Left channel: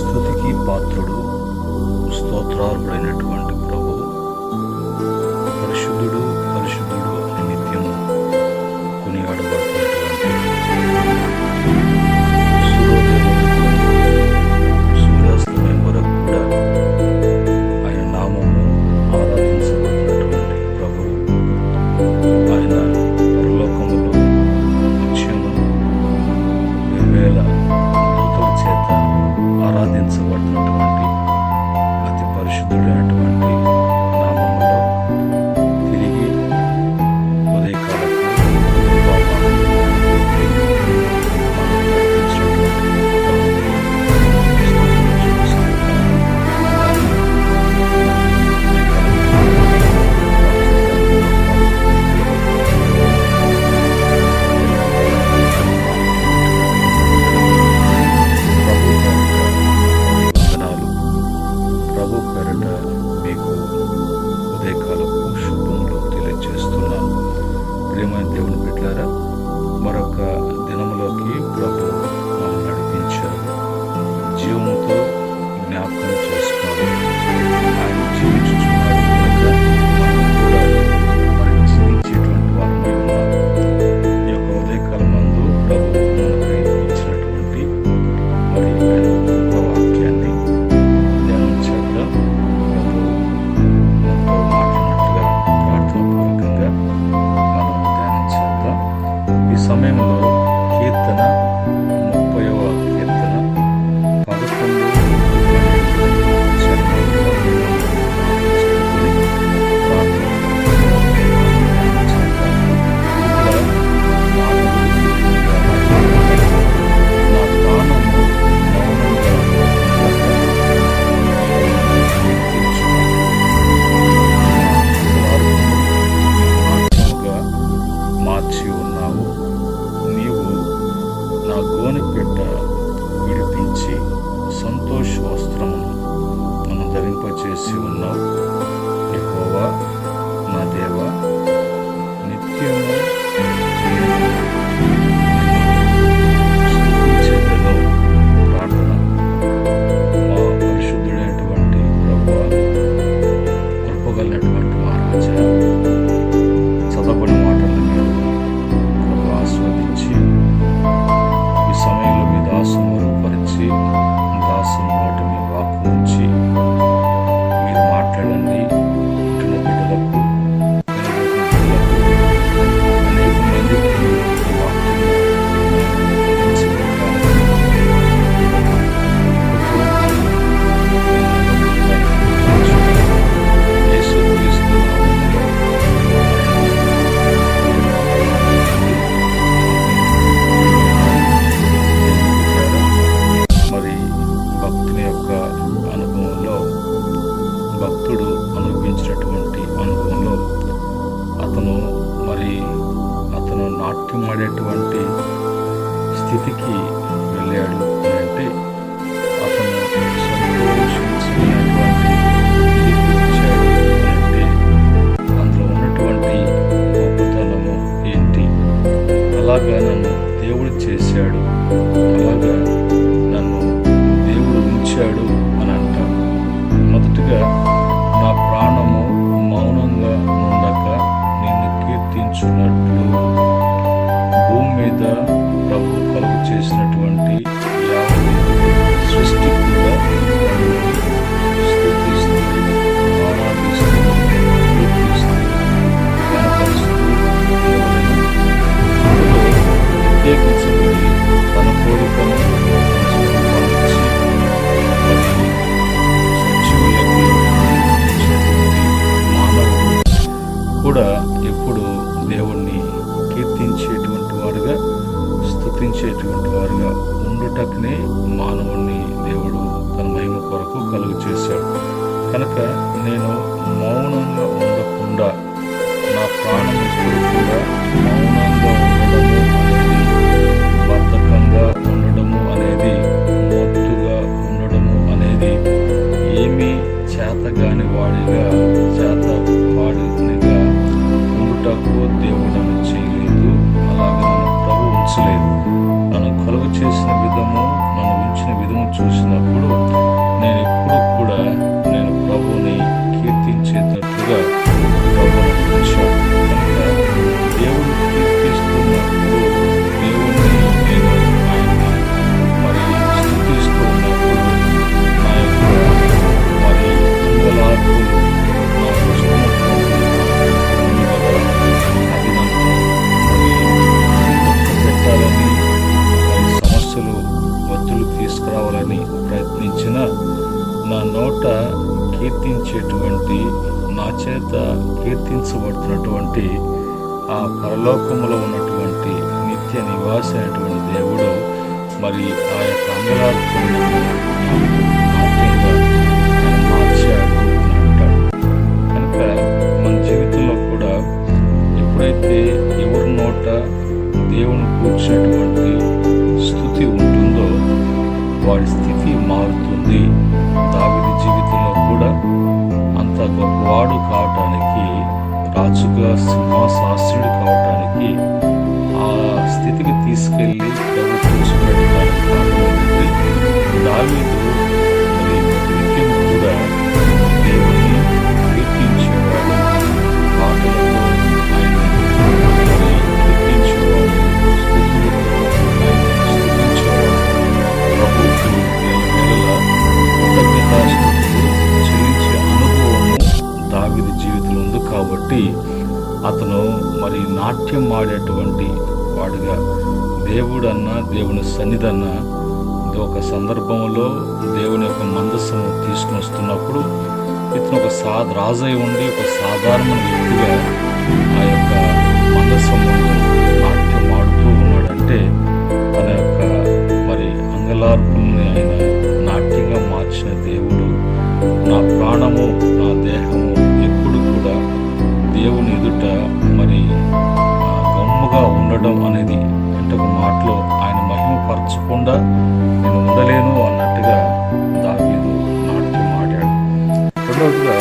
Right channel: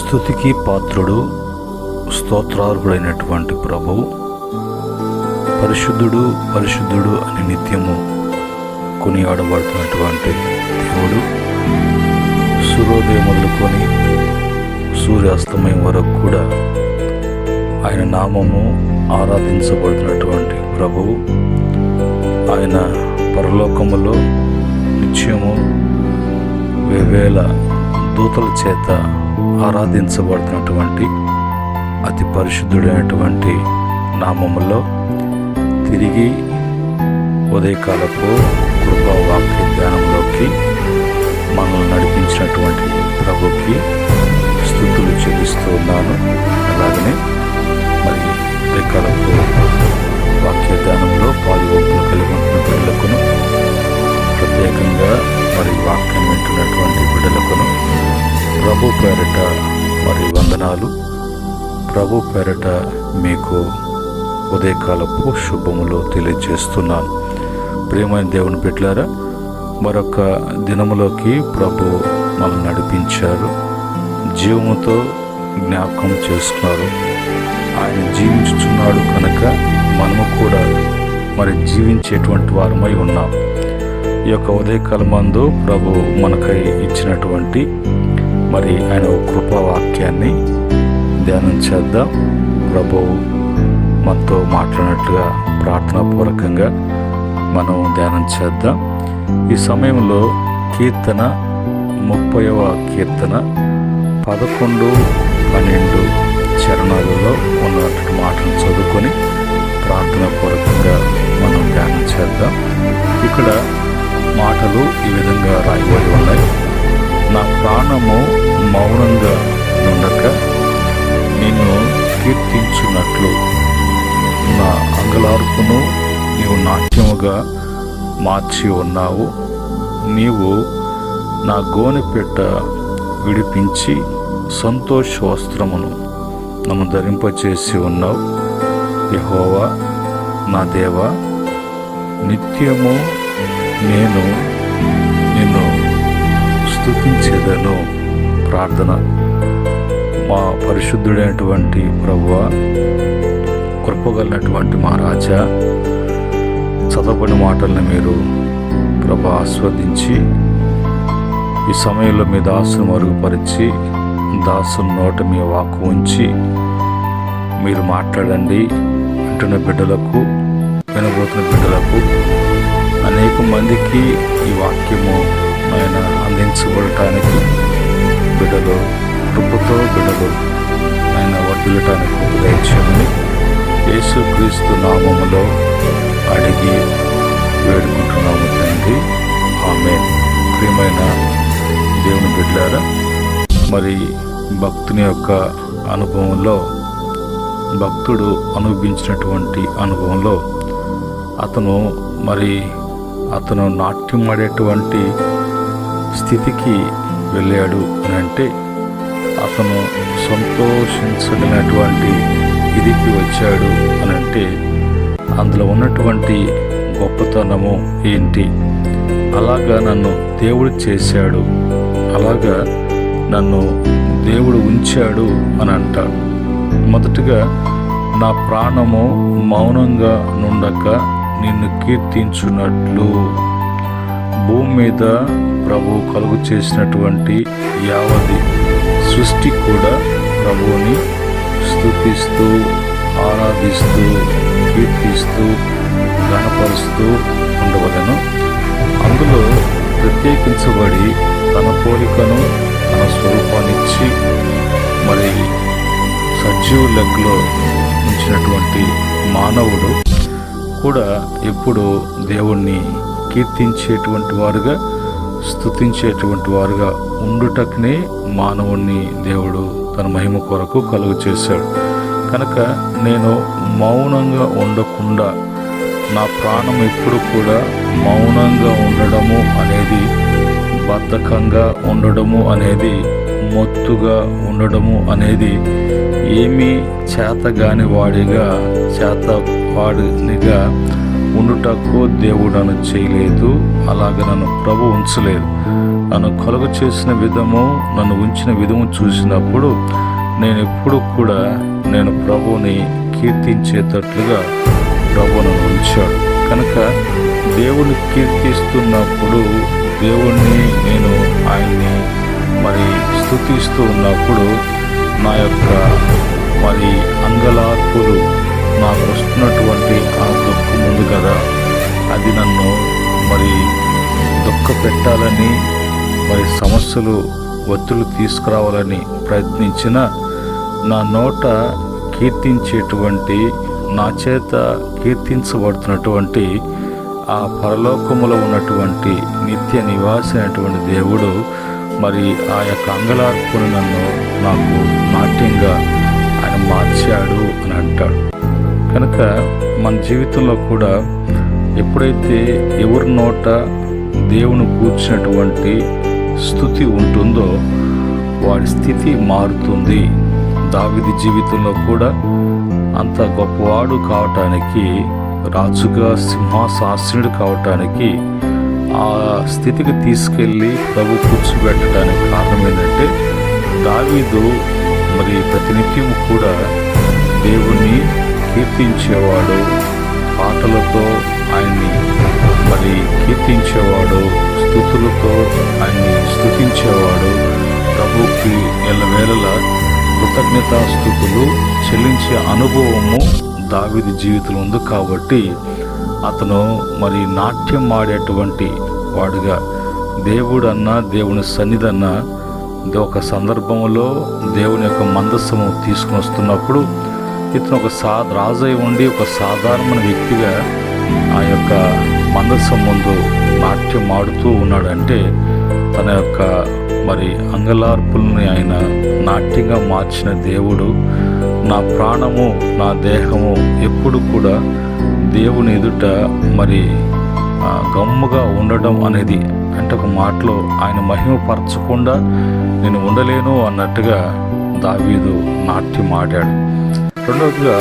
స్తుతికి పాత్రుడు, స్తోత్రార్హుడైనటువంటి ప్రభువు పరిశుద్ధుడు పరిశుద్ధుడు అని నిత్యము కొనియాడబడుతున్నటువంటి దేవుడు సూర్యోదయం మొదలుకొని సూర్యాస్తమయం వరకు కూడా ఆయన నామము ఆరాధించబడుతున్నటువంటి ప్రభువు. ఆయన పరలోకములో నిత్యము వేవేల దూతల చేత ఆరాధించబడుతున్నటువంటి అతి పరిశుద్ధుడైనటువంటి నామములో తిరిగి ఉదయకాలపు కృపావాక్య ధ్యానంలోకి మనల్ని నడిపించినటువంటి ప్రభుకి స్తుతులు చెల్లిస్తూ ఉన్నాను. అలాగనే మరి ఉదయకాలపు వాక్య ధ్యానంలో పాల్గొనగలుగుతున్న ప్రజలకు, ప్రత్యేకంగా మరి వాక్యం వింటున్నటువంటి బిడ్డలకు ప్రభు పేరట మరి వందనాలు. ప్రభు పేరట మీకు ఉదయకాలపు శుభములు తెలియజేస్తున్నాను. ప్రియమైన దేవుని బిడ్డలారా, మరొక దినములోకి ప్రభు మనల్ని నడిపించారు, జీవముతో జ్ఞాపకం చేస్తున్నారు. ఆయన జీవించుచున్నాడు కనుక మనము కూడా మరి జీవించేటువంటి వారమై ఉన్నాం. ఈ యొక్క ఉదయకాలమందు ప్రభు మనకై ఇచ్చినటువంటి మరి ఆయన కృపావాక్యాన్ని ధ్యానం చేద్దాం. ప్రభు మనతో మాట్లాడినట్లుగా ప్రార్థనాపూర్వకంగా మనం ధ్యానం చేద్దాం. ఈ సమయంలో కీర్తన 30వ కీర్తన 11, 12 చరణాలలో ఉన్నటువంటి మాటలు చదువుకొని ప్రార్థనాపూర్వకంగా మనం ధ్యానం చేద్దాం. ఇక్కడ మాటలు ఈ విధంగా రాయబడి ఉన్నాయి. నా ప్రాణము మౌనంగా ఉండక నిన్ను కీర్తించున్నట్లు నా అంగలార్పును నీవు నాట్యముగా మార్చి ఉన్నావు. నీవు నా గోనెపెట్ట విడిపించి సంతోష వస్త్రమును నన్ను ధరింపచేసి ఉన్నావు. యెహోవా నా దేవా, నిత్యము నేను నిన్ను స్తుతించెదను. ప్రార్థన. మా పరిశుద్ధుడైనటువంటి ప్రభువా, కృపగలిగినటువంటి మా రాజా, చదవబడిన మాటలను మీరు ప్రభు ఆస్వాదించి ఈ సమయంలో మీ దాసును మరుగుపరిచి దాసుని నోట మీ వాక్కు ఉంచి మీరు మాట్లాడండి. వింటున్న బిడ్డలకు, వినబోతున్న బిడ్డలకు, అనేక మందికి ఈ వాక్యము ఆయన అందించబడటానికి బిడ్డలు కృపతో బిడ్డలు ఆయన వర్ధిల్లటానికి దయచేయండి. యేసుక్రీస్తు నామములో అడిగి వేడుకుంటున్నాము తండ్రి, ఆమేన్. ప్రియమైన దేవుని బిడ్డలారా, మరి భక్తుని యొక్క అనుభవంలో, భక్తుడు అనుభవించినటువంటి అనుభవంలో అతను నాట్యం ఆడేటువంటి స్థితికి వెళ్ళాడు అని అంటే, అతను సంతోషించగలిగినటువంటి ఇదికి వచ్చాడు అని అంటే, అందులో ఉన్నటువంటి గొప్పతనము ఏంటి? అలాగా నన్ను దేవుడు చేశాడు, అలాగా నన్ను దేవుడు ఉంచాడు అని అంటాడు. మొదటగా నా ప్రాణము మౌనంగా నుండక నిన్ను కీర్తించున్నట్లు. భూమి మీద ప్రభు కలుగు చేసినటువంటి యావది సృష్టి కూడా ప్రభువుని స్తుతిస్తూ, ఆరాధిస్తూ, కీర్తిస్తూ, గణపరుస్తూ ఉండవలను. అందులో ప్రత్యేకించబడి తన పోలికను, తన స్వరూపాన్నిచ్చి మరి సజీవ లెక్కలో ఉంచినటువంటి మానవుడు కూడా ఎప్పుడు దేవుణ్ణి కీర్తించేటువంటి వారుగా, స్తుతించేటువంటి వారుగా ఉండుటకునే మానవుణ్ణి దేవుడు తన మహిమ కొరకు కలుగు చేశాడు. కనుక నేను మౌనంగా ఉండకుండా, నా ప్రాణం ఎప్పుడు కూడా మౌనంగా ఉండడము అనేది, బద్ధకంగా ఉండడము అనేది, మొత్తుగా ఉండడము అనేది ఏమీ చేతగాని వాడిగా, చేతవాడినిగా ఉండుటకు దేవుడు నన్ను చేయలేదు. అలాగే నన్ను ప్రభు ఉంచలేదు. నన్ను కలుగ చేసిన విధము, నన్ను ఉంచిన విధము చూసినప్పుడు నేను ఎప్పుడు కూడా నేను ప్రభువుని కీర్తించేటట్లుగా ప్రభు నన్ను ఉంచాడు. కనుక దేవుని కీర్తిస్తున్నప్పుడు, దేవుణ్ణి నేను ఆయన్ని స్తుతిస్తూ ఉన్నప్పుడు నా యొక్క అంగలార్పులు, నాకు వస్తున్నటువంటి ఆ దుఃఖం ఉంది కదా, అది నన్ను దుఃఖ పెట్టాలని, సమస్యలు ఒత్తిళ్లు తీసుకురావాలని ప్రయత్నించిన నా నోట కీర్తించేటువంటి, నా చేత కీర్తించబడుతున్నటువంటి ఆ పరలోకములో ఉన్నటువంటి నిత్య నివాసి అయినటువంటి దేవుడు ఆ యొక్క అంగలార్పును నాకు నాట్యంగా ఆయన మార్చాడు అని అంటాడు. కనుక మన జీవితంలో కూడా ఎప్పుడైతే ఎవరి నోట దేవుని కూర్చున్నటువంటి స్తుతి ఉంటుందో వాడి స్థితి మారుతుంది. దావీదు జీవితంలో కూడా అంత గొప్పవాడు కావటానికి, రాజుగా సింహాసనుడు కావటానికి, ఆ స్థితికి తీసుకెళ్ళి ప్రభు కూర్చోబెట్టడానికి కారణం ఏంటంటే దావీదు ప్రతినిత్యము కూడా దేవుణ్ణి కీర్తించేవాడు, పాటలతో ఆయన్ని కీర్తించేవాడు, స్తుతులతో ఆయన్ని స్తుతించేవాడు. ప్రభువుకి ఎల్లవేళలా కృతజ్ఞతాస్తుతులు చెల్లించే అనుభవము దావీదు జీవితంలో ఉంది. కాబట్టి అతను నాట్యం ఆడేటువంటి వాడుగా, దేవుడన్నా దేవుని సన్నిధన్నా ఒక సందర్భంలో దేవుని యొక్క మందస్సము తీసుకుని వస్తున్నప్పుడు ఇతను ఒక రాజై ఉండి ఒక సాధారణ వ్యక్తిగా ఆ యొక్క మందస్సం ముందు నాట్యం ఆడుతూ ఉన్నాడంటే తన యొక్క అంగలార్పుల్ని ఆయన నాట్యంగా మార్చిన దేవుడు, నా ప్రాణము నా దేహము ఎప్పుడు కూడా దేవుని ఎదుట గమ్ముగా ఉండడం అనేది, అంటే ఒక మాటలో ఆయన మహిమపరచకుండా నేను ఉండలేను అన్నట్టుగా దావీదు నాట్యం ఆడాడు. రెండవదిగా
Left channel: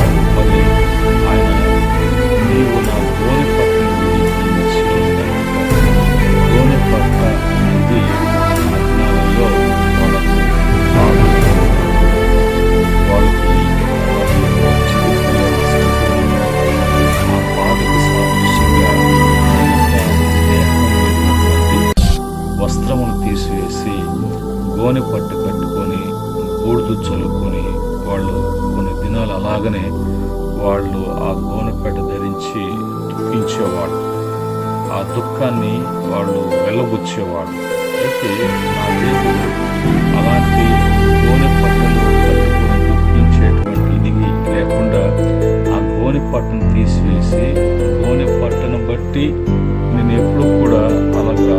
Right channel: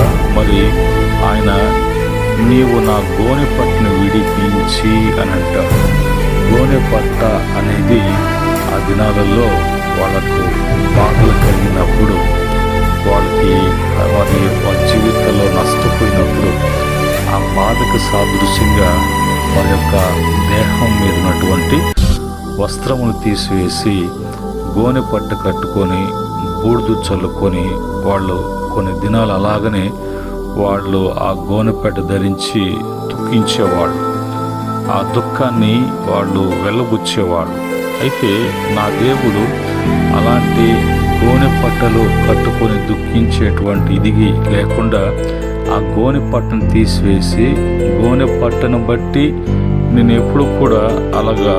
ఆయన నీవు నా గోనె పట్టును విడిపించి అని అంటాడు. గోనె పట్ట అనేది ఆ దినాలలో వాళ్ళకు బాధలు కలిగినప్పుడు, వాళ్ళ జీవితంలో నష్టపోయినప్పుడు ఆ బాధకు సాదృశ్యంగా వాళ్ళ యొక్క దేహం మీద ఉన్నటువంటి వస్త్రమును తీసివేసి గోనె పట్టు కట్టుకొని బూడిద చల్లుకొని వాళ్ళు కొన్ని దినాలు అలాగనే వాళ్ళు ఆ గోనెపట్ట ధరించి దుఃఖించేవాళ్ళు, ఆ దుఃఖాన్ని వాళ్ళు వెళ్ళబుచ్చేవాళ్ళు. అయితే నా దేవుడు అలాంటి గోనె పట్టలు కట్టుకొని దుఃఖించేటువంటి ఇదిగి లేకుండా ఆ గోనె పట్టను తీసివేసి, గోనె పట్టను బట్టి నేను ఎప్పుడు కూడా అలాగా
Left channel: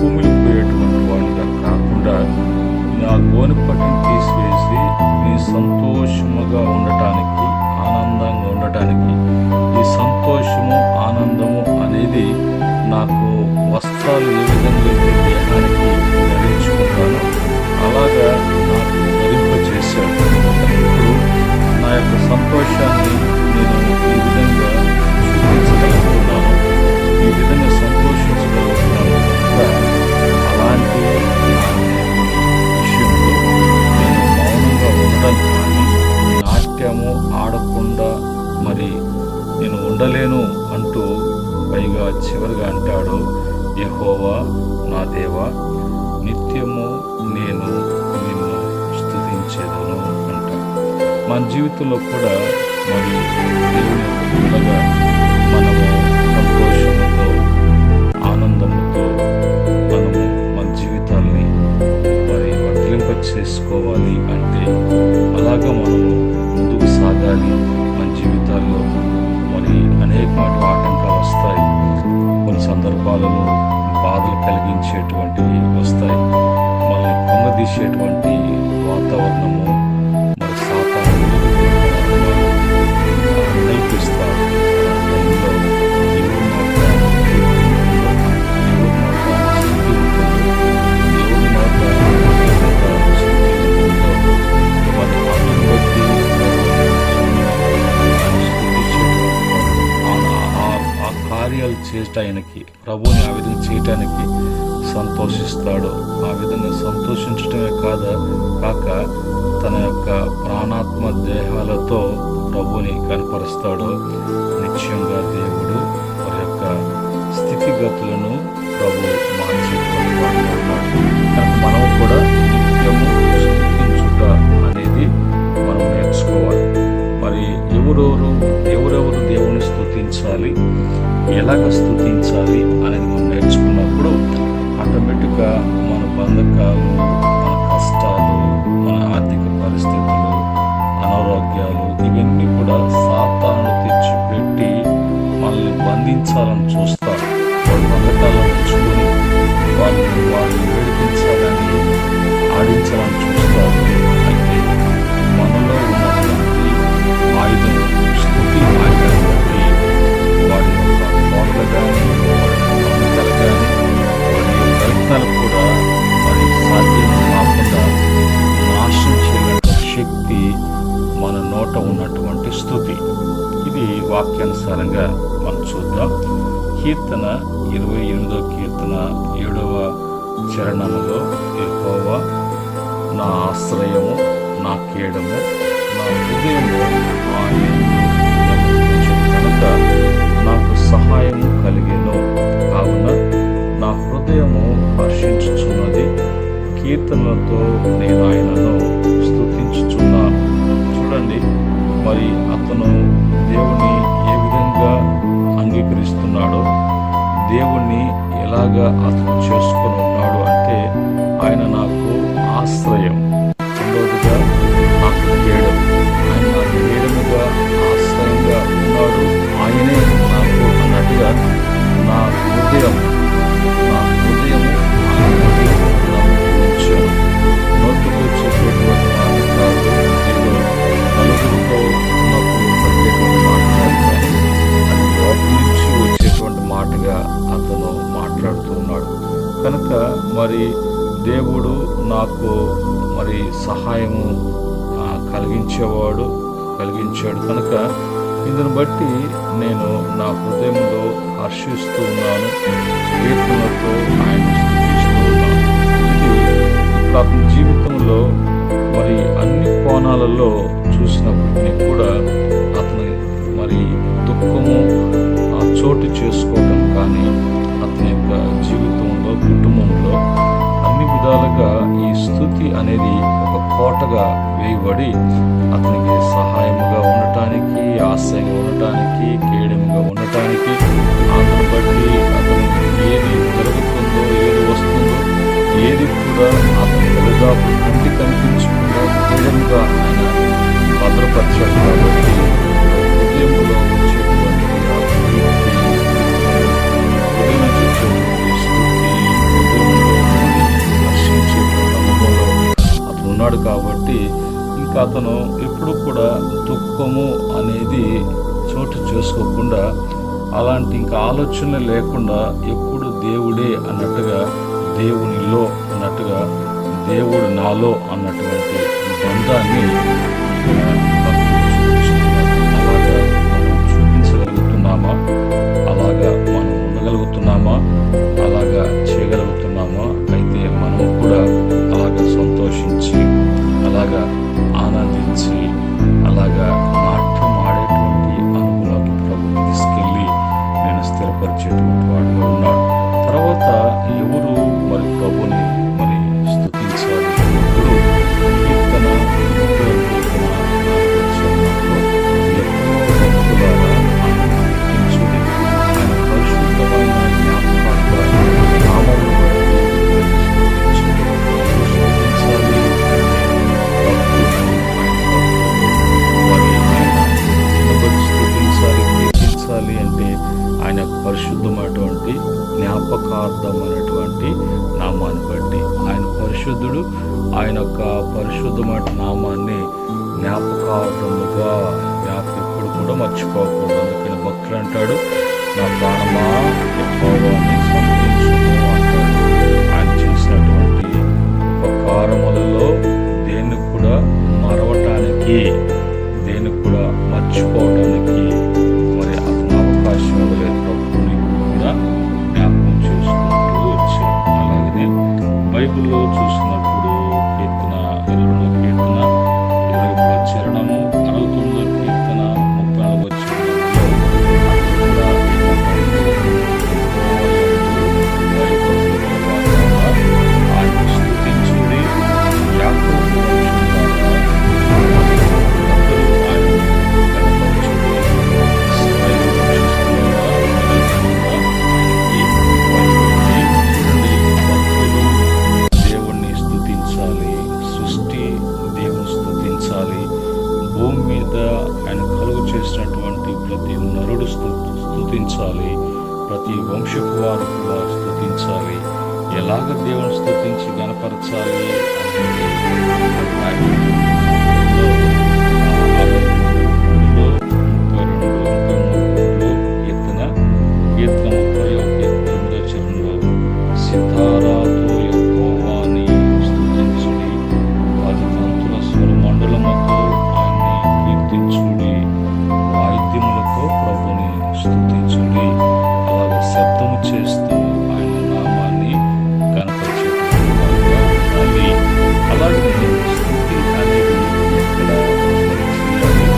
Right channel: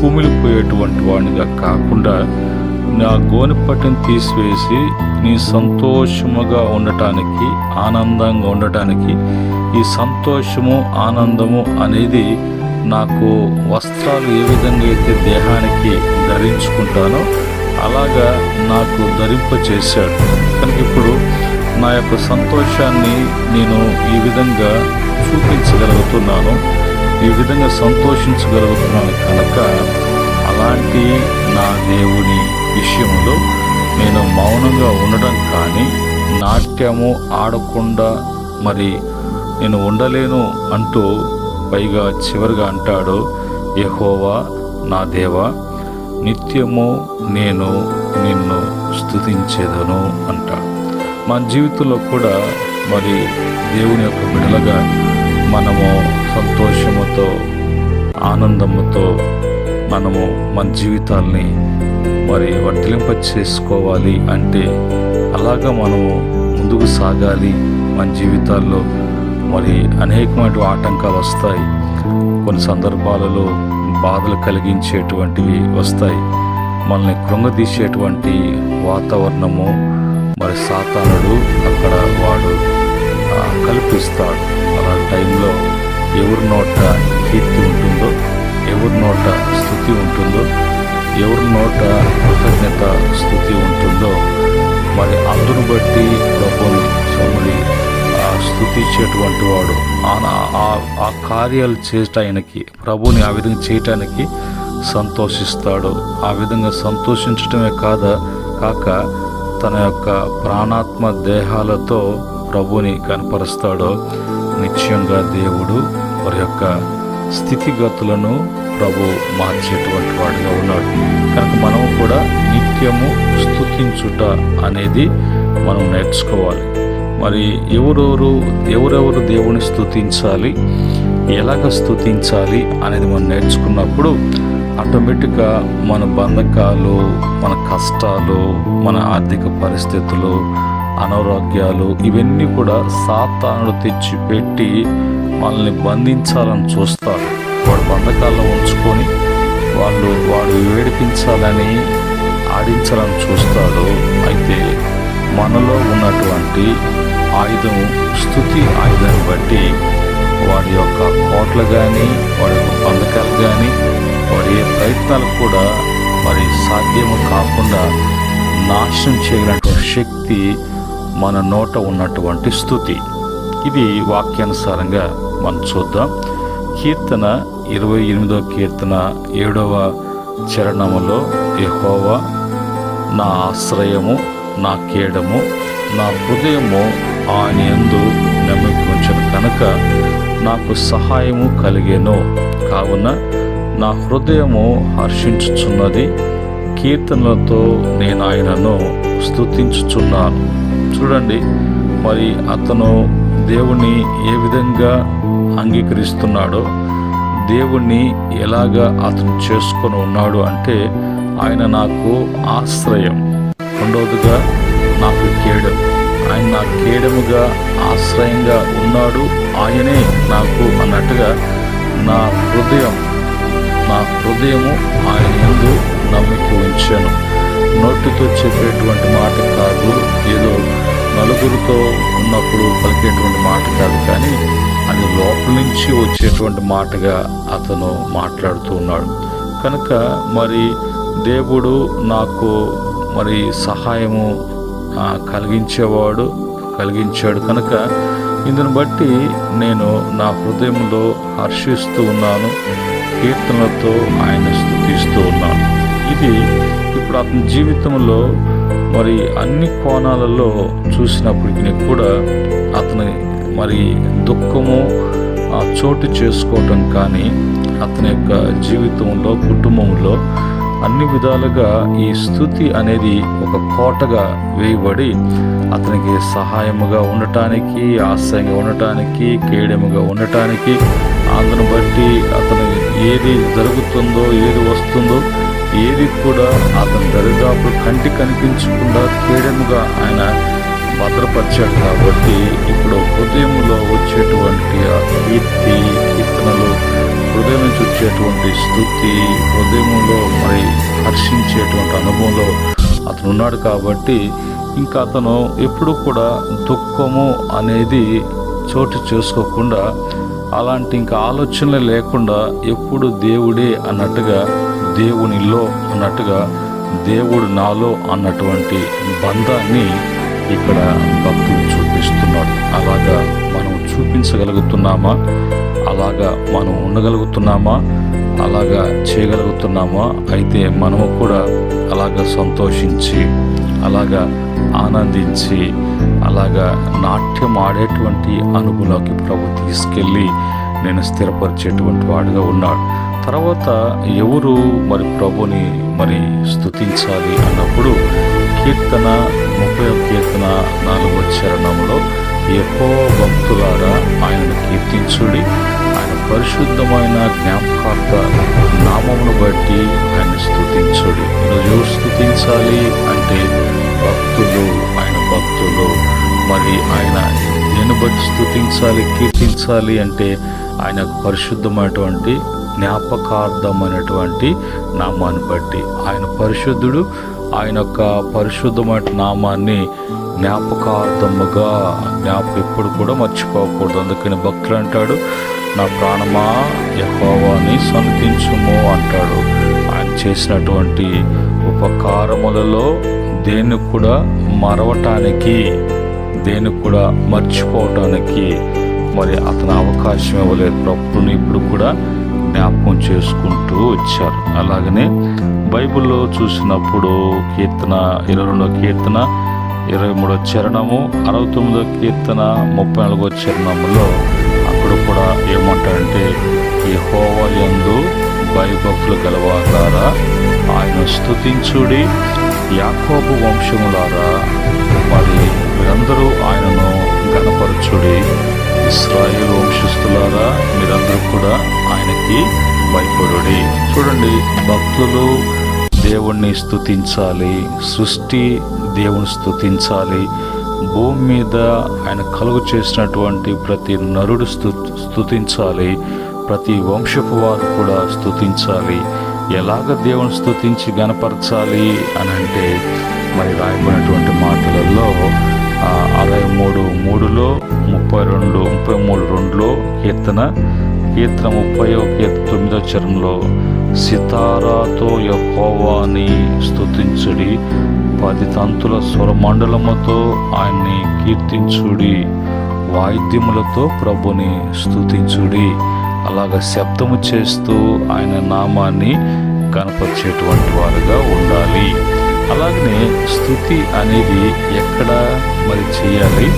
కుమిలిపోయేటువంటి వాడిగా కాకుండా నా గోనె పట్టను తీసివేసి నీ సంతోషముగా ఉండటానికి, ఆనందంగా ఉండటానికి, ఈ సంతోషము ఆనందము అనేది నాకు వస్త్రాలు ఏ విధంగా అయితే దేహానికి ధరించుకుంటానో అలాగా నాకు ధరింపచేశాడు. కనుక ఇప్పుడు నా యొక్క సంతోషాన్ని నేను ఈ విధంగా చూపించగలుగుతున్నాను, ఈ విధంగా సంతోషించగలుగుతున్నాను. కనుక అలాంటి నా దేవుని విషయంలో నేను మౌనంగా ఉండడం కానీ, నాట్యము ఆడకుండా నేను ఉండలేను అంటూ పైగా చివరిగా అంటాడు, యెహోవా నా దేవా నిత్యము నేను నిన్ను స్తుతించేదను అంటాడు. మన జీవితంలో కూడా దేవుని యొక్క బిడ్డలుగా మనము సంతోషముతో ఆనందముతో మనము మన జీవితాల్ని వర్ధిలింప చేసుకోవాలి అంటే అలాగా మనము ముందుకు సాగాలి. మన జీవితాల్లో అనేకమైన ఆటంకాలు వస్తాయి, కొన్ని సందర్భాలలో బాధలు కలిగించేటువంటివి వస్తాయి, మనల్ని కృంగదీసేటువంటి వాతావరణము సాతానుడు అక్కడ వాడు కల్పిస్తాడు. అలాంటి టైంలో ఎవరి నోట కీర్తి ఉంటుందో, ఎవరి నోట స్తుతి ఉంటుందో, ఎవరి నోట కృతజ్ఞత స్తుతి ఉంటుందో అందును బట్టి ప్రభువుని స్తుతించేటువంటి వాడు ఆ కార్యాలు చేయటానికి, ప్రభువుని ఆ విధంగా చేయటానికి సంతోషిస్తాడో ఆ విధంగా సంతోషించటమే కాక తన యొక్క ప్రాణాత్మ దేహాలతో ప్రభుని కనపరుస్తాడో నిశ్చయంగా దేవుడు వారి యొక్క స్థితిగతులను ప్రభు మార్చేటువంటి వాడుగా ఉన్నాడు. కనుక మనం కూడా నిత్యము స్తుతించుట అనేది మనం నేర్చుకోవాలి. మరి ఎవరెవరు దేవుని స్తుతించాలి, ఎలాగ స్తుతించాలి అనేది మనం నేర్చుకున్నప్పుడు ఆటోమేటిక్గా మన బంధకాలు, మన కష్టాలు, మన ఆర్థిక పరిస్థితులు, అనారోగ్యాలు ఇవన్నీ కూడా సాతానుడు తెచ్చిపెట్టి మనల్ని బంధించాలని చూస్తారు. వాడు బంధకాల్లో ఉంచుకొని వాడు వేడిపించాలని, ఆడించాలని చూస్తారు. అయితే మనలో ఉన్నటువంటి ఆయుధం, స్తుతి ఆయుధాన్ని బట్టి వారి యొక్క కోట్లు కానీ, వారి యొక్క బంధకాలు కానీ, వారి ప్రయత్నాలు కూడా వారి సాధ్యము కాకుండా నాశనం చేయగలిగిన శక్తి మన నోట ఉన్నటువంటి స్తుతి. ఇది వాక్యానుసారంగా మనం చూద్దాం. కీర్తన 28వ కీర్తన 7వ చరణములో, యెహోవా నా ఆశ్రయము, నా కేడము, నా హృదయము ఆయన యందు నమ్మిక ఉంచెను కనుక నాకు సహాయము కలిగెను. కావున నా హృదయము హర్షించుచున్నది, కీర్తనలతో నేను ఆయనను స్తుతించుచున్నాను. చూడండి, మరి అతను దేవుణ్ణి ఏ విధంగా అంగీకరిస్తున్నాడో, దేవుణ్ణి ఎలాగా అతను చేసుకొని ఉన్నాడు అంటే, ఆయన నాకు ఆశ్రయం, రెండవదిగా నాకు కేడం, ఆయన నా కేడముగా ఆశ్రయంగా ఉన్నాడు, ఆయనే నాకు అన్నట్టుగా నా హృదయము ఆయన యందు నమ్మిక ఉంచాను. నోటితో చెప్పేటువంటి మాట కాదు, ఏదో నలుగురితో ఉన్నప్పుడు పలికేటువంటి మాట కాదు, కానీ అది లోపల నుంచి వచ్చేటువంటి మాటగా అతను మాట్లాడుతూ ఉన్నాడు. కనుక మరి దేవుడు నాకు మరి సహాయము కలిగించాడు కనుక ఇందును బట్టి నేను నా హృదయంలో హర్షిస్తూ ఉన్నాను, కీర్తనలతో ఆయన స్తుతిస్తూ ఉన్నాను. ఇది ఇప్పుడు అతని జీవితంలో మరి అన్ని కోణాలలో చూసినప్పటికీ కూడా అతని మరి దుఃఖము చోటు చేసుకోవటం కానీ, అతని యొక్క జీవితంలో, కుటుంబంలో అన్ని విధాలుగా ఈ స్తుతి అనేది ఒక కోటగా వేయబడి అతనికి సహాయముగా ఉండటానికి, ఆశ్రయంగా ఉండటానికి, కేడముగా ఉండటానికి, అందును బట్టి అతను ఏది జరుగుతుందో, ఏది వస్తుందో, ఏది కూడా అతని దరిదాపులు కంటి కనిపించకుండా కేడముగా ఆయన భద్రపరిచాడు. కాబట్టి ఇప్పుడు హృదయంలో వచ్చేటువంటి ఆ కీర్తనలు, హృదయం నుంచి వచ్చేటువంటి స్తుతి, హృదయంలో మరి హర్షించేటువంటి అనుభవంలో అతను ఉన్నాడు. కాబట్టి ఇంకా అతను ఎప్పుడు కూడా దుఃఖము అనేది చోటు చేసుకోకుండా, అలాంటి ఇంకా ఆలోచనలు లేకుండా ఎప్పుడు దేవుడే అన్నట్టుగా, దేవునిలో అన్నట్టుగా, దేవుడు నాలో అన్నటువంటి బంధాన్ని ఇక్కడ భక్తులు చూపిస్తున్నారు. అలాగా మనం చూపించగలుగుతున్నామా? అలాగా మనం ఉండగలుగుతున్నామా? అలాగా చేయగలుగుతున్నామా? అయితే మనము కూడా అలాగా సంతోషించి, అలాగా ఆనందించి, అలాగా నాట్యం ఆడేటువంటి అనుభవంలోకి ప్రభు తీసుకెళ్ళి నేను స్థిరపరిచేటువంటి వాడుగా ఉన్నాడు. తర్వాత ఎవరు మరి ప్రభుని మరి స్తుతించాలి అన్నప్పుడు కీర్తన 30వ కీర్తన 4వ చరణంలో, యెహోవా భక్తులారా ఆయనను కీర్తించుడి, ఆయన పరిశుద్ధమైన జ్ఞాపకార్థ నామమును బట్టి ఆయన స్తుతించుడి. ఎవరు స్తుతించాలి అంటే భక్తులు, ఆయన భక్తులు. మరి ఆయన నేను బట్టి స్తుతించాలి, కీర్తించాలి అంటే ఆయన పరిశుద్ధమైనటువంటి జ్ఞాపకార్థమైనటువంటి నామాన్ని బట్టి. ఆయన పరిశుద్ధుడు, ఆయన యొక్క పరిశుద్ధమైన నామాన్ని జ్ఞాపకార్థముగా ఎప్పుడు కూడా మర్చిపోకూడదు. అందుకని భక్తులు అంటాడు, నా ప్రాణమా యెహోవాని సన్నుతించుము అంటాడు. ఆయన చేసినటువంటి ఉపకారములలో దేన్ని కూడా మరవటానికి, దేన్ని కూడా మర్చిపోవటానికి మరి అతను అవకాశం ఇవ్వలేదు. ప్రభుని ఇప్పుడు కూడా జ్ఞాపకం చేసుకుంటూ వచ్చారు. అలాగనే బైబిల్లో చూసినప్పుడు కీర్తన 22వ కీర్తన 23వ చరణము, 69వ కీర్తన 34వ చరణములో అప్పుడు కూడా ఏమంటారంటే, యెహోవా యందు భయభక్తులు గలవారారా ఆయన స్తుతించుడి, యాకోబు వంశములారా మరి మీరందరూ ఆయనను గణపరచుడి, ఇశ్రాయేలు వంశస్థులారా మీరందరూ కూడా ఆయనకి భయపడుడి. చూడండి, భక్తులు దేవుణ్ణి స్తుతించాలి, సృష్టి దేవుని స్తుతించాలి, భూమి మీద ఆయన కలుగు చేసినటువంటి ప్రతి నరుడు స్తుతించాలి, ప్రతి వంశపు వారు కూడా స్తుతించాలి. ఎలాగ దేవుని స్తుతించి గణపరచాలి అని అంటే మరి రాయబడినటువంటి మాటలలో 63:3లో 33:2లో కీర్తన 30వ కీర్తన 9వ చరణంలో సితారాతో యెహోవాని స్తుతించుడి, 10 తంతుల స్వరమండలముతో ఆయన్ని కీర్తించుడి, వాయిద్యములతో ప్రభుని స్తుతించుడి. అలాగ శబ్దము చేస్తూ ఆయన నామాన్ని కనపరిచేటువంటి వారుగా ఉండాలి. అలాగనే స్తుతి అనేది ఎక్కడ మరి చేయాలి,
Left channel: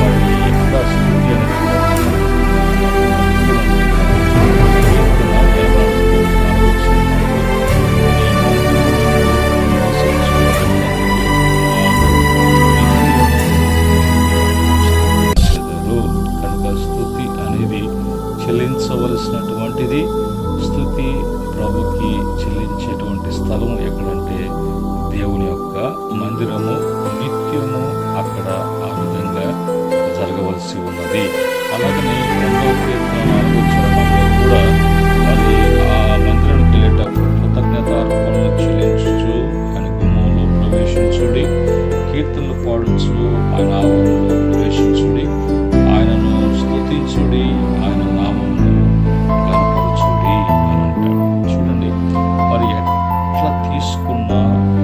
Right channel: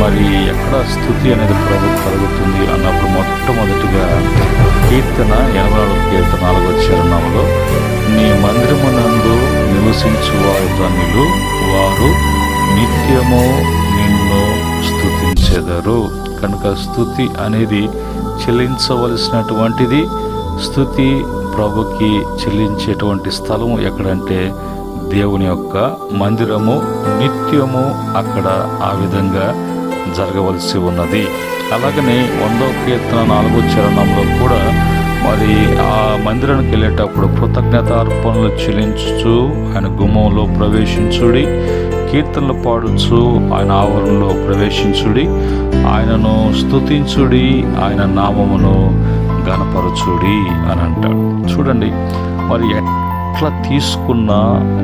మరి ఎక్కడ స్థుతి అనేది ప్రభు కలుగుతుంది అన్నప్పుడు మొట్టమొదటిగా కీర్తన 84వ కీర్తన 4వ చరణంలో, నీ మందిరమునందు నివసించు వారి ధన్యులు, వారు నిత్యము నిన్ను స్తుతించెదరు. కనుక స్తుతి అనేది చెల్లించవలసినటువంటిది. స్తుతి ప్రభుకి చెల్లించేటువంటి స్థలము ఎక్కడంటే దేవుని యొక్క మందిరము, నిత్యము అక్కడ ఆ విధంగా జరగవలసి ఉన్నది. అలాగనే 100వ కీర్తన 4వ చరణంలో కూడా మరి ఆ మందిరానికి వెళ్ళేటప్పుడు కృతజ్ఞతార్పణలు చెల్లించుచు ఆయన గుమ్మంలో ప్రవేశించుడి, కీర్తనలు పాడుచు ఆయన ఆవరణలో ప్రవేశించుడి, ఆయనను స్తుతించుడి, ఆయన నామమును గణపరచుడి అని అంటాడు. చూడండి, మరి ఎట్లా తీసుకున్నా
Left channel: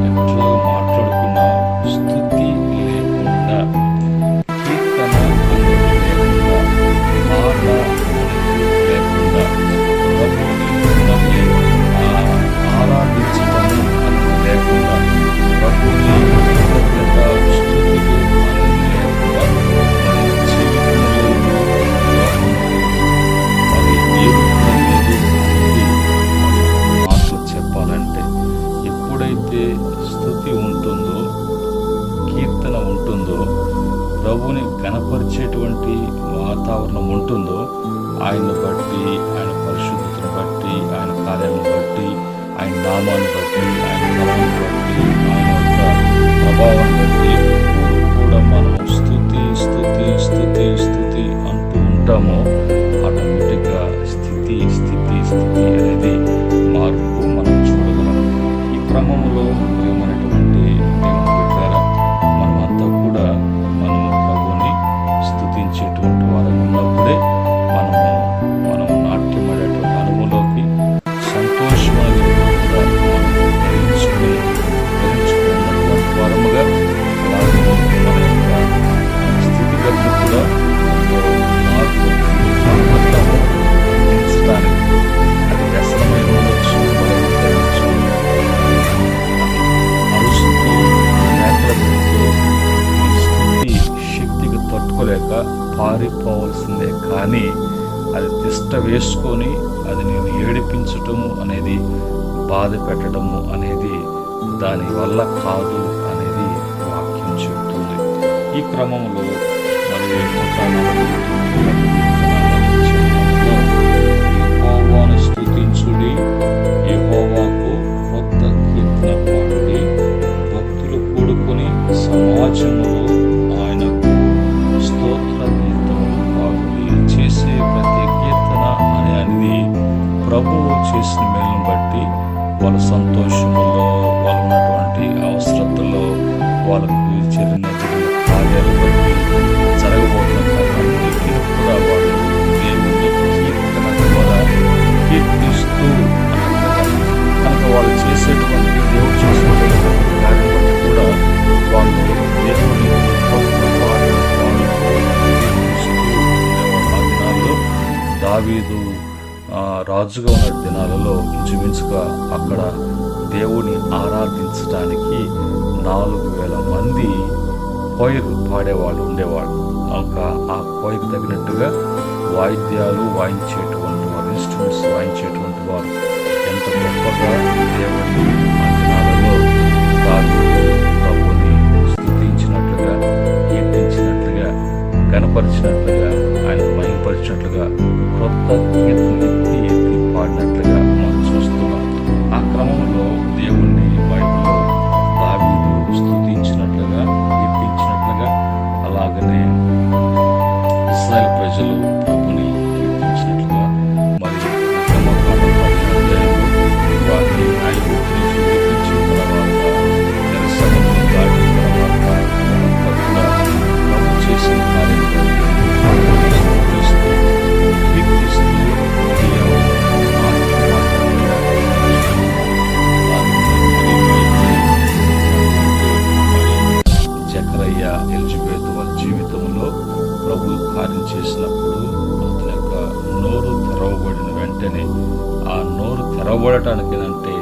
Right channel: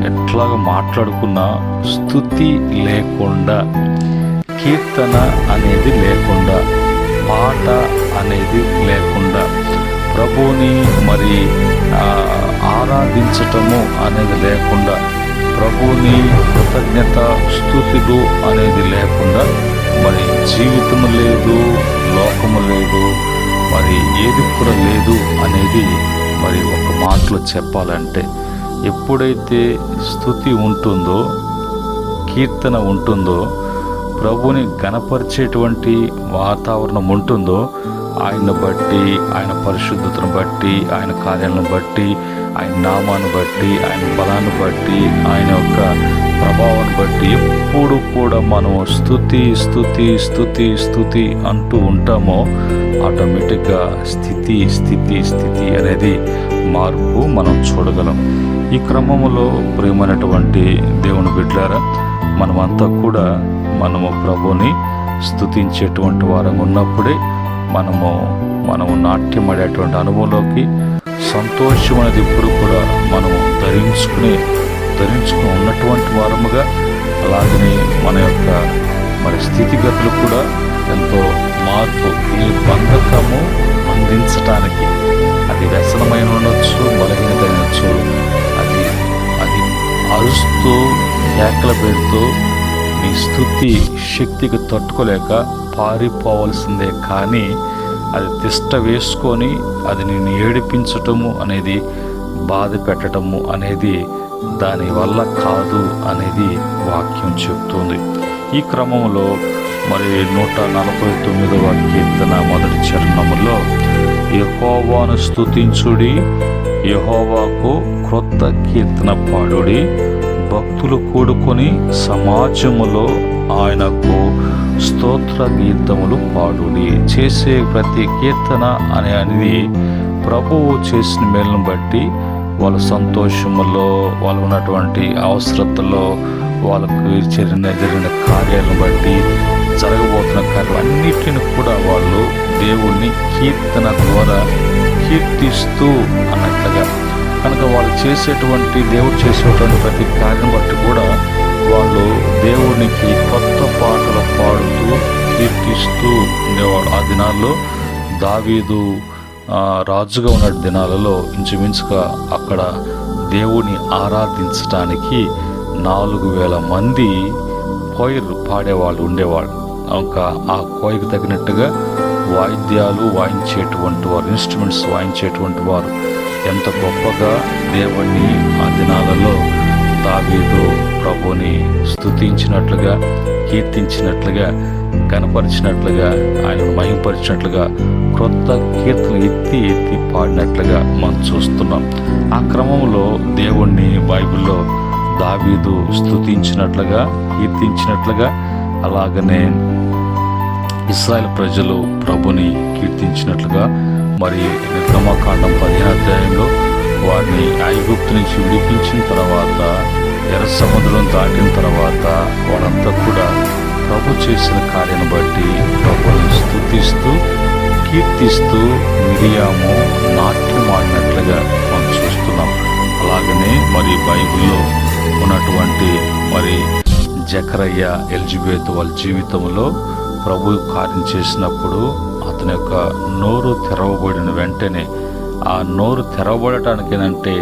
ఎట్లా మాట్లాడుకున్నా స్తుతి లేకుండా, కీర్తన అనేది లేకుండా, పాట అనేది లేకుండా, ప్రభువుని మరి ఆరాధించటము అనేది లేకుండా, ప్రభువుని కృతజ్ఞత స్తుతులు అనేది లేకుండా మరి జీవితము లేదు, లోకము లేదు, మరి ఏది కూడా లేదు అనేది మరి ఒక మాటలో చెప్పాలంటే, ఎప్పుడైతే స్తుతి ఉంటుందో, కీర్తన ఉంటుందో, ప్రభుని గణపరిచేటువంటి వాతావరణం ఉంటుందో, ఆయన్ని బట్టి, ఆయన పరిశుద్ధతను బట్టి, ఆయన కార్యాలను బట్టి, ఆయన నామాన్ని బట్టి, ఆయన బలాన్ని బట్టి, ఆయన యొక్క ప్రభావాన్ని బట్టి ఎప్పుడు కూడా మనము స్తుతి స్తుతి స్తుతి స్తుతి అంటూ ఉంటామో ఆటోమేటిక్గా స్థితి స్థితి స్థితి అనేది మార్పు మనం చూడగలం. ఈ క్రమంలో ప్రేమైనటువంటి దేవుని బిడ్డలారా, మనమంతా కూడా మనము ప్రభుని స్తుతించేటువంటి వారంగా ఉన్నప్పుడే మనము నాట్యమడేటువంటి అనుభవంలోకి, సంతోషం అనేది ఇప్పుడు కూడా మనం ధరించుకుని ఉన్నటువంటి వారముగా, అలాగనే మన యొక్క మన స్థితిగతులు కూడా ఎంతో మార్పు, ఈ బంధకము అందించడానికి, అది వ్యసనమైన ఉండొచ్చు, బలహీనవచ్చు, అది అరుస్తూ కేకలు పెడుతూ నీ స్తుతి శక్తికి తట్టుకోలేక పారిపోవలసిందే. కానీ అది తిష్ట వేసుకొని అది నేను ఏడిపించటము అనేది, బాధ పెట్టడము అనేది దాని వల్ల కాదు అనేది వాక్యం చెప్తుంది. ఈ క్రమంలో మరి 149వ కీర్తన 1వ చరణములో, యెహోవాను స్తుతించుడి, యెహోవాకు క్రొత్త కీర్తన పాడుడి, భక్తులు కూడుకొని సమాజములో ఆయనకు స్తోత్ర గీతములు పాడుడి. చేసే ప్రతి కీర్తన అనేది ప్రభువు చేసిన మేలును బట్టి, వాళ్ళ సంతోషములో, వాళ్ళు ఉన్నటువంటి అవసరతలో, వాళ్ళకు జరిగిన కార్యాలను బట్టి, జరగబోతున్న కార్యాలన్నిటిని కూడా వాళ్ళు దేవుణ్ణి కీర్తన ద్వారా కీర్తిస్తూ అన్నట్లుగా, కనుక వాళ్ళు చేసేటువంటి దేవుడు చేసేటువంటి ప్రతి కార్యం బట్టి కూడా వాళ్ళు దేవునికి కొత్త పాటలు పాడుతూ కీర్తిస్తూ ఉండేవాళ్ళు. ఆ దినాల్లో దావీదు రాజుగా ఉన్న దినాలలో ఇంచుమించుగా అక్కడ దేవుని ఆరాధించడానికి 4,000 మంది కోయలు పాడేవాళ్ళు ఉండేవాళ్ళు. ఇంకా ఆ కోయకు తగినట్టుగా వాయిద్యాలు వాయించేటువంటి వారు, ఇన్స్ట్రుమెంట్స్ వాయించేటువంటి వారు ఎంత గొప్పగా దేవుణ్ణి ఆ దినాలలో దావీదు ప్రభుని స్తుతించినట్లుగా, కీర్తించినట్లుగా, కనపరిచినట్లుగా, ఆయనను మహింపరిచినట్లుగా క్రొత్త కీర్తనలు ఎత్తి ఎత్తి పాడినట్లుగా మనం చూస్తున్నాం. ఆ క్రమంలో దేవుణ్ణి బైబిల్లో దావీదు స్తుతించినట్లుగా, కీర్తించినట్లుగా, అలాగనే ఇశ్రాయేలు ప్రజలు ప్రభుని కీర్తించినట్లుగా, మరి నిర్గమకాండం 15వ అధ్యాయంలో వారిని ఐగుప్తు నుంచి విడిపించిన తర్వాత, ఎర్ర సముద్రం దాటిన తర్వాత వాళ్ళంతా కూడా ప్రభు చేసిన కార్యాన్ని బట్టి ప్రభుని స్తుతిస్తూ కీర్తిస్తూ మిరియాము నాట్యం ఆడినట్లుగా మనం చూస్తున్నాం. అలాగనే మరి బైబిల్లో ఉన్నటువంటి మరి జకరయ్య, ఎలిజబెత్ వాళ్ళ జీవితంలో ప్రభు కార్యం చేసినప్పుడు అతని యొక్క నోరు తెరవబడిన వెంటనే, ఆ నోరు తెరవబడటానికి ఏంటంటే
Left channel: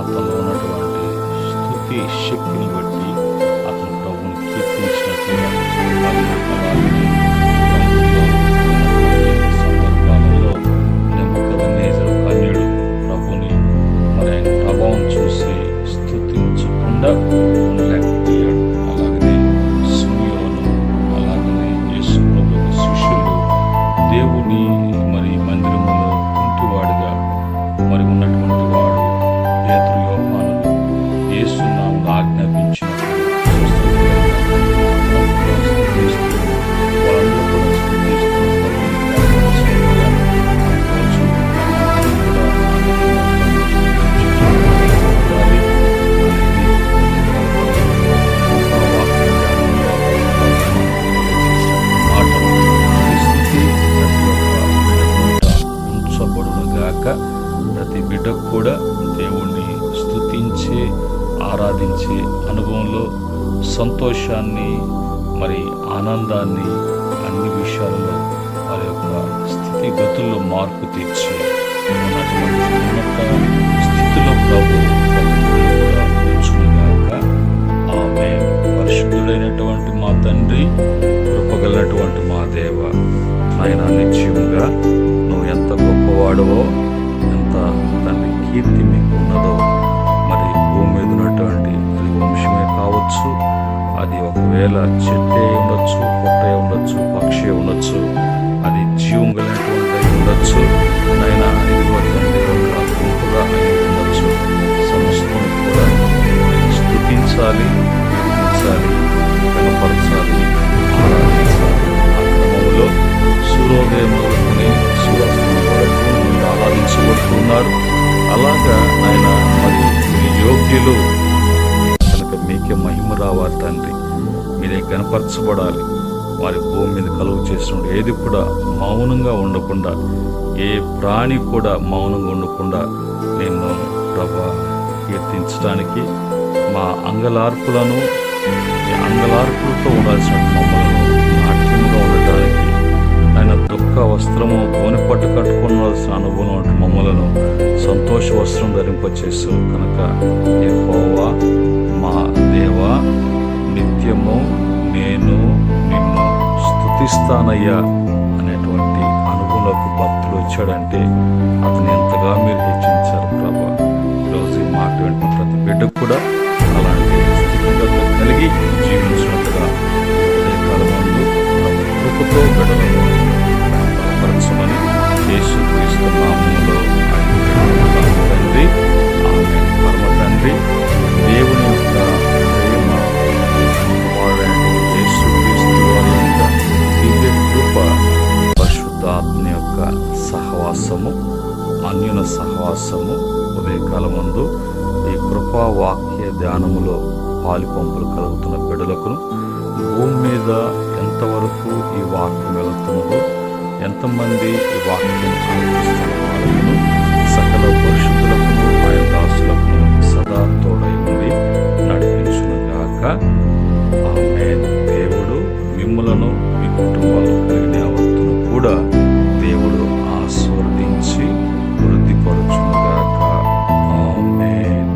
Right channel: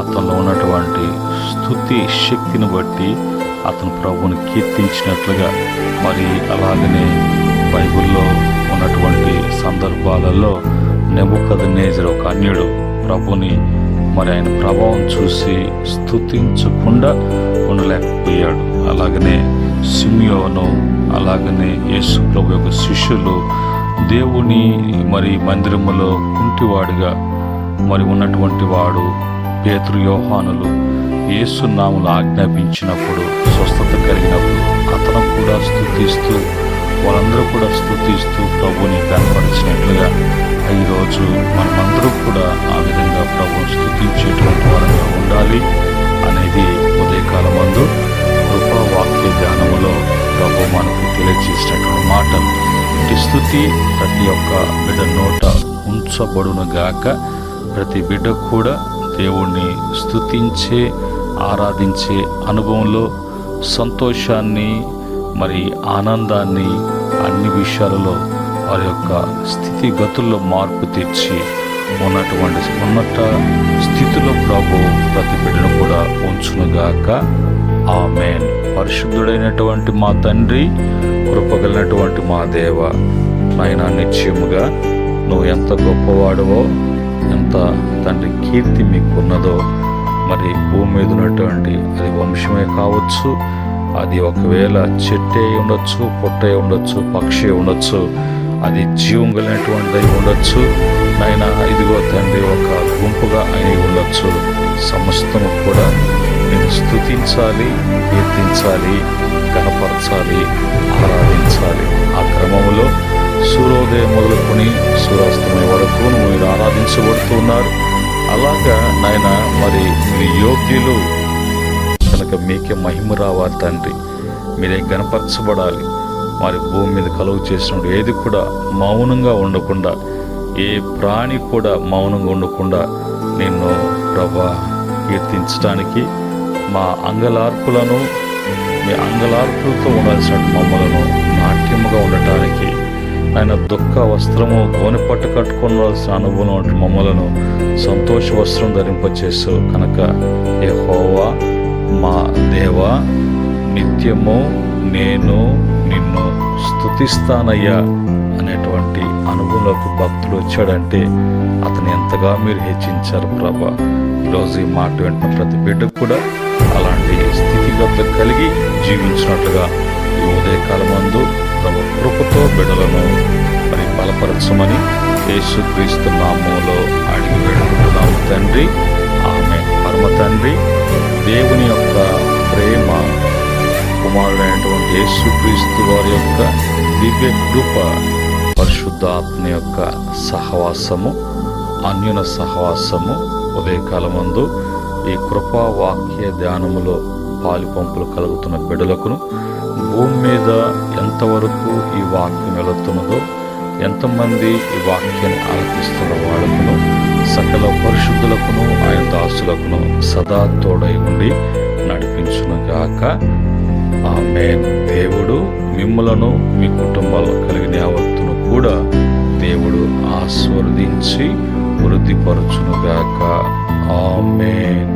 అతనిలో ఉన్నటువంటి స్తుతి శక్తిని బట్టి అతను ప్రభుని కీర్తించినట్లుగా, మరి అలాగనే బైబిల్లో ఉన్నటువంటి సందర్భాలలో నెబుకద్నెజరు ఒక అన్యుడు ప్రభుని మరి ఆయన ప్రభావం చూసి స్తుతించకుండా ఉండలేకపోయాడు. అలాగనే సిమియోను, అలాగనే యేసు ప్రభు యొక్క శిష్యులు దేవుని మరి మందిరములో కుంటివాడిగా మరి ఉన్నటువంటి వాడు పేతురు, యోహానులు యేసు నామములో ఆజ్ఞాపించినప్పుడు స్వస్థత కలిగినప్పుడు అతను కూడా స్తుతిస్తూ, వాళ్ళందరూ కూడా స్తుతిస్తూ ప్రభుని కనపరిచినట్లుగా ఈరోజు మనమందరూ కూడా ఆ విధంగా ప్రభుని స్తుతించేటువంటి వారంగా ఉండాలి అనేది ఉదయకాలం ముందు కృపావాక్య ధ్యానములో ప్రభు మనకు తెలియజేసినటువంటి మాట. ఈ స్తుతి ప్రతి ఒక్క బిడ్డ నోట ఉంచబడును గాక. ప్రతి బిడ్డ కూడా దేవుణ్ణి స్తుతించే, ఆరాధించే అనుభవంలో సంతోషాన్ని, మరి ఆనందాన్ని, అన్ని విషయాలలో వారి యొక్క స్థితిగతుల్లో మార్పు తెచ్చి ఉన్నటువంటి ఉన్నత స్థితిలో ప్రభు ప్రతి బిడ్డను కూడా ఉంచునుగాక. ఆమేన్. పరిశుద్ధుడైనటువంటి మా తండ్రి, కృపగలిగినటువంటి మా దేవ, నాయనా నిశ్చయముగా నువ్వు ఎంత గొప్పవాడవో, ఎంత తండ్రి కీర్తి మీకున్నదో, మరి భూమి మీద ఉన్నటువంటి అది వంశమే కావచ్చు, అది ఒకవేళ చెట్టే ఉండొచ్చు, పొట్టే ఉండొచ్చు, పక్షి ఉండొచ్చు, అది జీవం కలిగినటువంటిది ఉండొచ్చు, నైనా ఇదిగో తండ్రి ఒక గుంపుగా అయి ఉండొచ్చు, సమస్తము కూడా నేను స్తుతించాలి, కీర్తించాలి, కనపరచాలి, ఆరాధించాలి. ఆ క్రమంలో సూర్యోదయం మొదలుకొని సూర్యాస్తమయం వరకు మీరు ఆరాధించబడుతున్నారు. అలాగా నాయన మరి మీరు యోగ్యులు కనుక మీకే మహిమ రావాలి తండ్రి, మీరే గణపరచబడాలి. మరి భూమి మీద కలుగు చేసినప్పుడు ఏది కూడా మౌనంగా ఉండకుండా, ఏ ప్రాణి కూడా మౌనంగా ఉండకుండా నిన్ను ప్రభా కీర్తించడానికి, మా అంగలార్పులను మీ అంగలార్పులతో ఉండాల్సిన మమ్మలను నాట్యముగా ఉండటానికి, ఆయన దుఃఖ వస్త్రము గోనె పట్టు కట్టుకోవాల్సిన అనుభవం వంటి మమ్మలను సంతోష వస్త్రం ధరింపచేసు కనుక యెహోవా మా దేవా, నిత్యము నేను నిన్ను స్తుతిస్తానయ్యా అనేటువంటి అనుభవంలోకి భక్తులు వచ్చాడంటే అతను ఎంతగా మీరు హెచ్చించారు ప్రభా. ఈరోజు ఈ మాట వింటున్న ప్రతి బిడ్డకు కూడా అలాంటి స్థితిగతులు కలిగి జీవించినట్లుగా ఈ ఉదయకాలం ముందు ప్రభు కృపతో బిడ్డలను మరి బలపరచమని యేసుక్రీస్తు నామములో అడిగి వేడుకుంటున్నాం తండ్రి. ఆమేన్. పరమ తండ్రి దేవుని యొక్క ప్రేమ, కుమారుడైనటువంటి యేసుక్రీస్తు వారి యొక్క దివ్య కృప, పరిశుద్ధాత్మ యొక్క సహవాసము, అన్యున సహవాసము ఉదయకాలమందు ఈ కృపా వాక్య ధ్యానములో పాలిపంపులు కలుగుతున్న బిడ్డలకును, భూమి మీద ఎంతవరకు ఈ వాక్యం వెళుతున్నదో, ఎంతమంది ఈ వాక్యాన్ని ఆలకిస్తున్న వాళ్ళకును, సకల పరిశుద్ధులకును ఆయన దాసులకును సదా తోడై ఉండి నడిపించునుగాక. ఆమేన్. దేవుడు మిమ్మలను మీ కుటుంబాల్లో కలిగిన యావత్తును కూడా దేవుడు ఆశీర్వదించి వృద్ధిపరచునుగాక. ఆమేన్.